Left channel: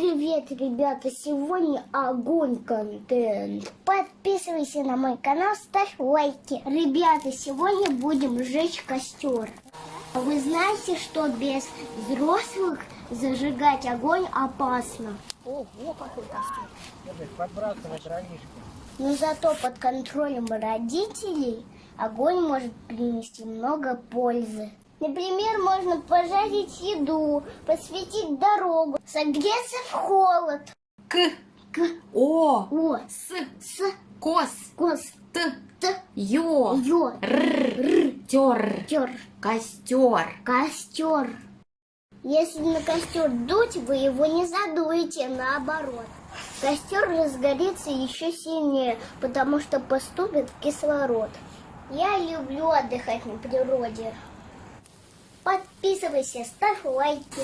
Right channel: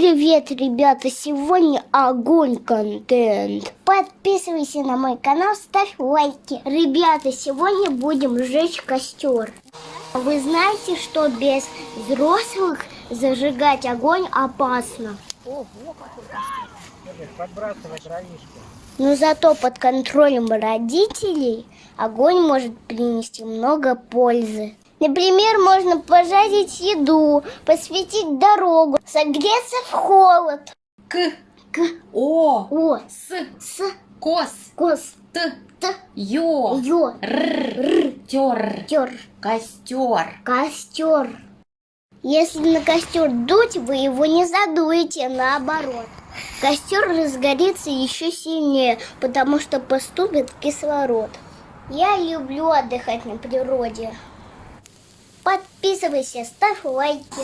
Привет, ребята! Сегодня огонь контент. Подписывайся на мой канал, ставь лайки. Ребята, сегодня будем сжечь костер. Вы знаете, что без взрослых зажигать огонь опасно? Ого, какой костер! Подбрасывать дровишки. Но зато под контролем родителей огонь может принести много пользы. Например, можно пожарить еду, посветить дорогу, согреться в холод. К, О, с, кос, т, т, ё, р, тёр, тер, костер. костер. Если на костер дуть, вы его не задуете, наоборот. Костер разгорится еще сильнее, потому что поступит кислород. Я люблю отдыхать на природе. Подписывайся, ставь лайки.